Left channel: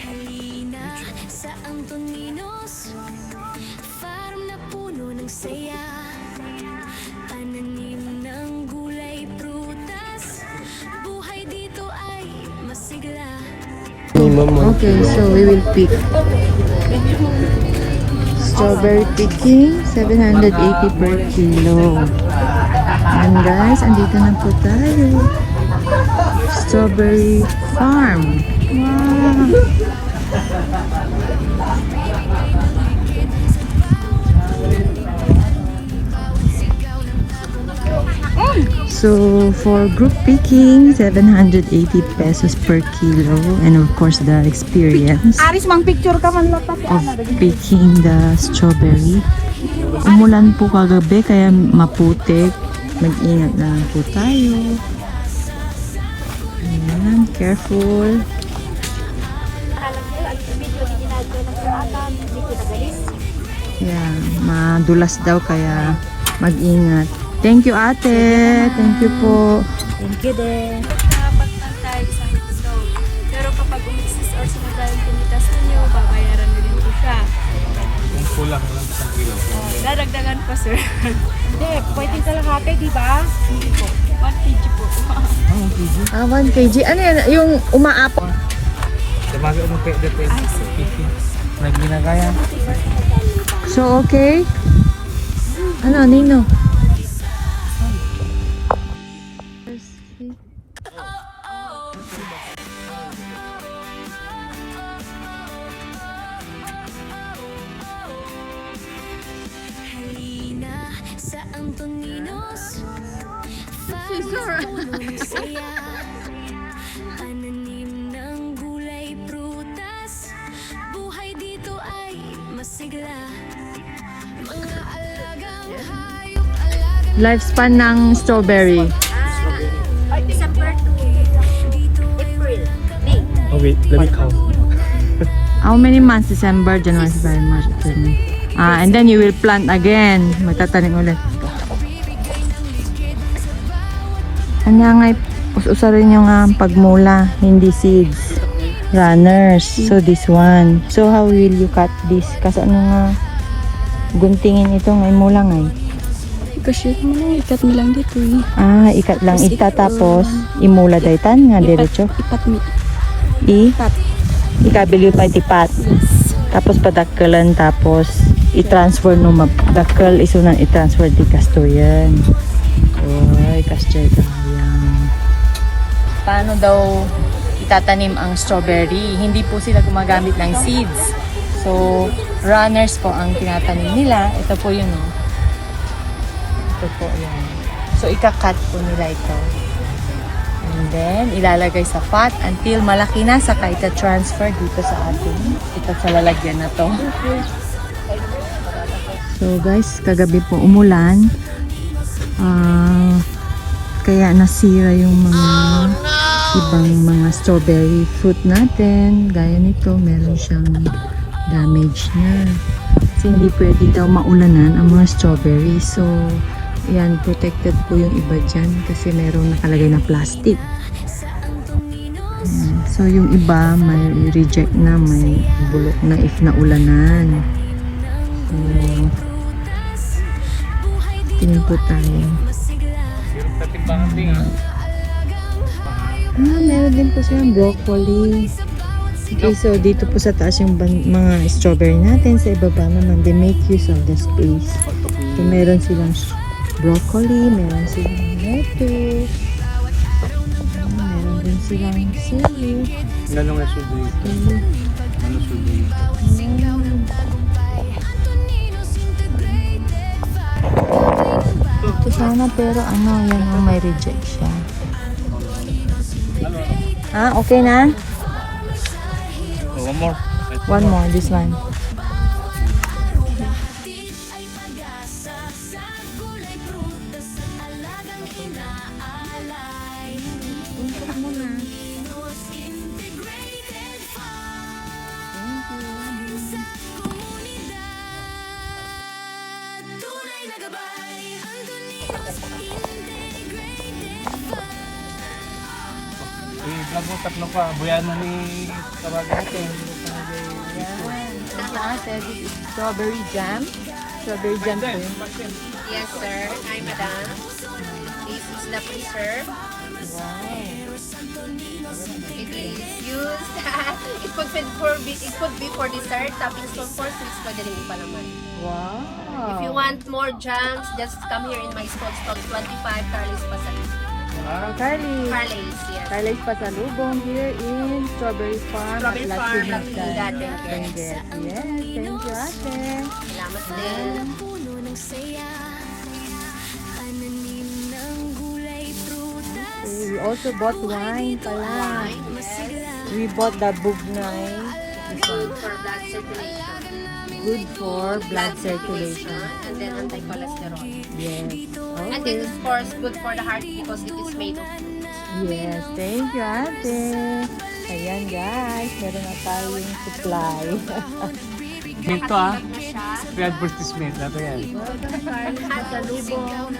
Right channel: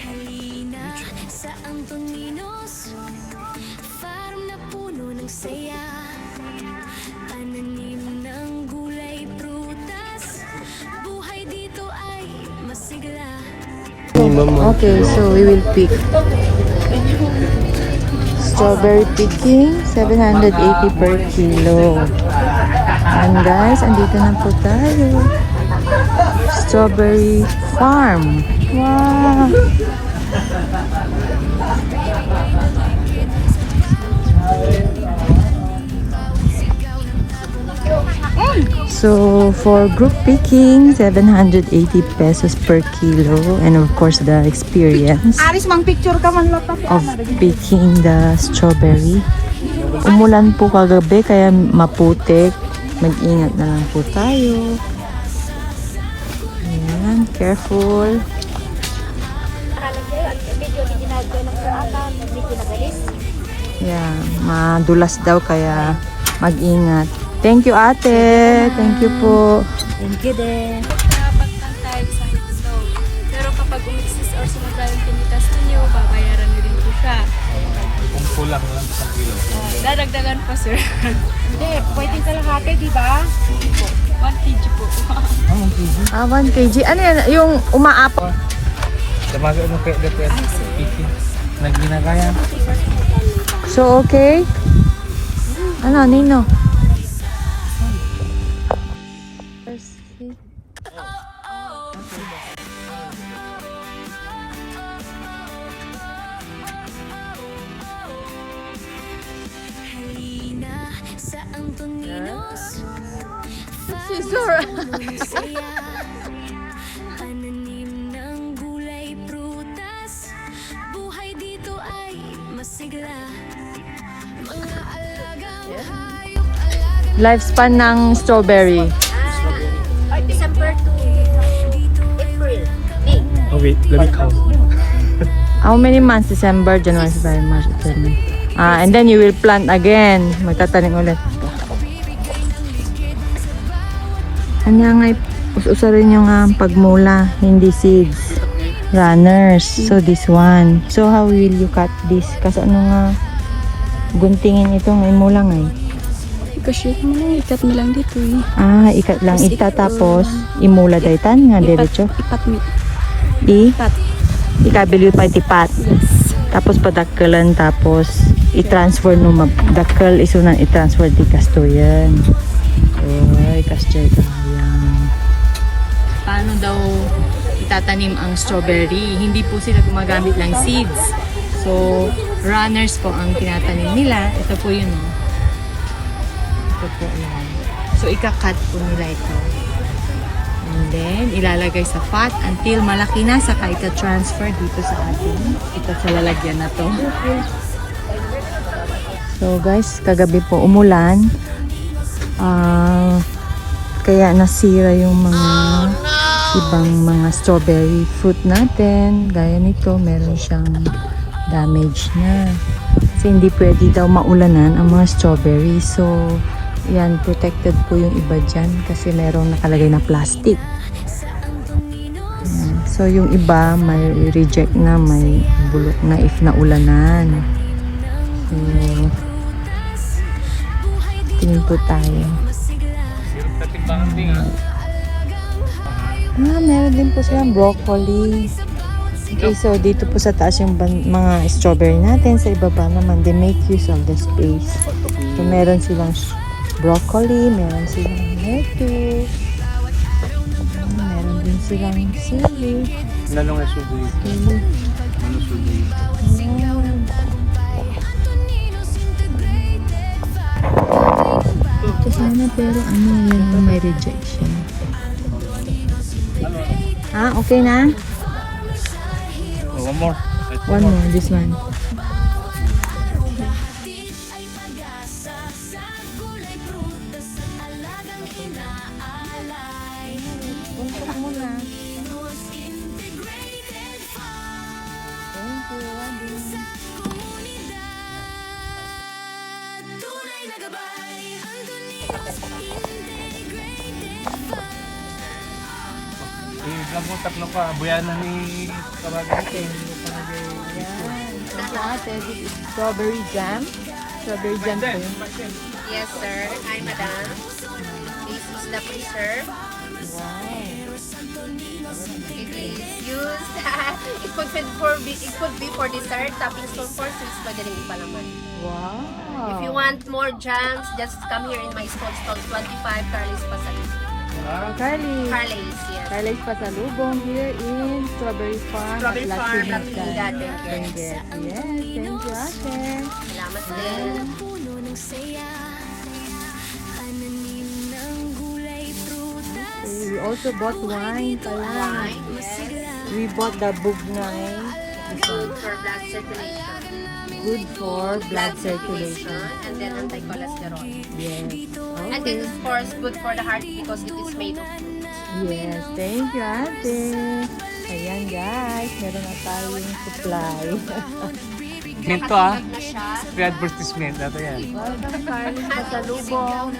Halina sa Antoninos, farm na puno ng saya, pananim ng gulay, prutas, buhay dito ay masigla. Okay, so we will pick strawberry picking, 780 per kilo. And guys, andito na po tayo. Strawberry farm. Wow! So for group picking, 780 pesos per kilo, and of course the experience of picking the strawberry. Umulan po kagabi kaya maputik. Mag-ingat na lang po tayo. Ayan, careful. Yeah, madulas daw kaya mag-ingat. Thank you, ate. Thank you po. Thank you din. Pero kapag umiksis or sumagaling kumitas ninyo, babayaran nyo din siya. Kung kulang lang sa kilo. Dadagdagan pa, sir. Hindi, pwede kalahati, di ba? Hindi po. 1 kg. Ano yan? Yung umaap. Samaga mo pwede po yan. Naglinagayan. So, okay? Ano, Nino? Halina sa Antoninos, farm na puno ng saya, pananim ng gulay, prutas, buhay dito ay masigla, mga alagang hayop, alagang Lifespan ng strawberry. December to dito ay April, May. Oh wait, let me count. How many months? December, January, February, March, April, May. And then you will plant again. Magtatanim ulit. Ano nga, us-usa rin yung pagmula, hindi seeds. Runners. So this one. So how will you cut this? Kasi ano nga, guntingin ito ngayon mula nga eh. Ipashoot mo na, ikat mo lang dito eh. Ikat lang ita tapos imula daytan nga diretso. Ipat mo. Ikabili pa itipat. Tapos padakkelan tapos i-transfer no magdakkel isunan i-transfer di kastoyan. Oy, kastoy kayang. Paano daw itatanim ang strawberry? Hindi po sila gumagamit ng seeds. So, runners po ang tinatanim nila. Ito po yun, oh. Ito po yan. So, ikakat po nila ito. And then, ilalagay sa pot until malaki na, saka ita-transfer dito sa atin. Ito sa lalagyan na to. So guys, kagabi po umulan. Kaya nasira yung mga ibang mga strawberry fruit natin. Gaya nito, meron siyang damage na. Kasi hindi pwede daw maulanan ang mga strawberry. So, yan, protected po yung iba dyan kasi merong nakalagay na plastic. Ayan. So, yung iba may reject na, may bulok na if naulanan. Tingin po tayo. Meron din po silang broccoli. Okay, so dito po sa taas yung mga strawberry natin. Sa ibaba naman, they make use of the space. So, meron silang broccoli, meron silang lettuce, meron din silang sili. Lalong na subi. Ito sana pero ano, yan yung may reject siya. Okay na? One more. One more, this one. I-vlog mo tatlo ka. Buyan na ni Kabagate. Thank you, ate. This is strawberry jam. Strawberry jam po yun. Yes, sir. Hi, madam. This is the preserve. Wow. Use. It could be for dessert. Toppings for fruits. Pwede rin ipalaman. Wow. If you want more jams, just come here in my stall. 25 Carly's Pasalubong. Carly. Carly's, yes. Carly's Pasalubong here in Strawberry Farm Strawberry at La Farm, Trinidad. Trinidad. Benguet. Yes, thank you, ate. Salamat din. Puno ng saya, pananim ng gulay, prutas. We also bought wine pala. Masigla, We bought the bugnay. This one. For blood circulation. Good for blood circulation. And then anti-cholesterol. Yes. And Okay. this is of course good for the heart because it is made of fruits. Yes, thank you, ate. Ayan, guys. Meron na tayong supply. Ito Free advertisement. Ito yan. Pasalubong.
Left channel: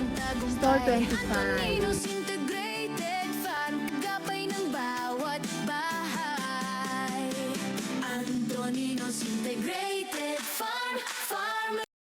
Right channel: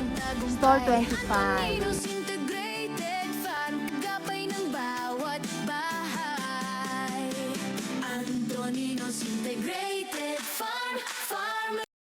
Store 25.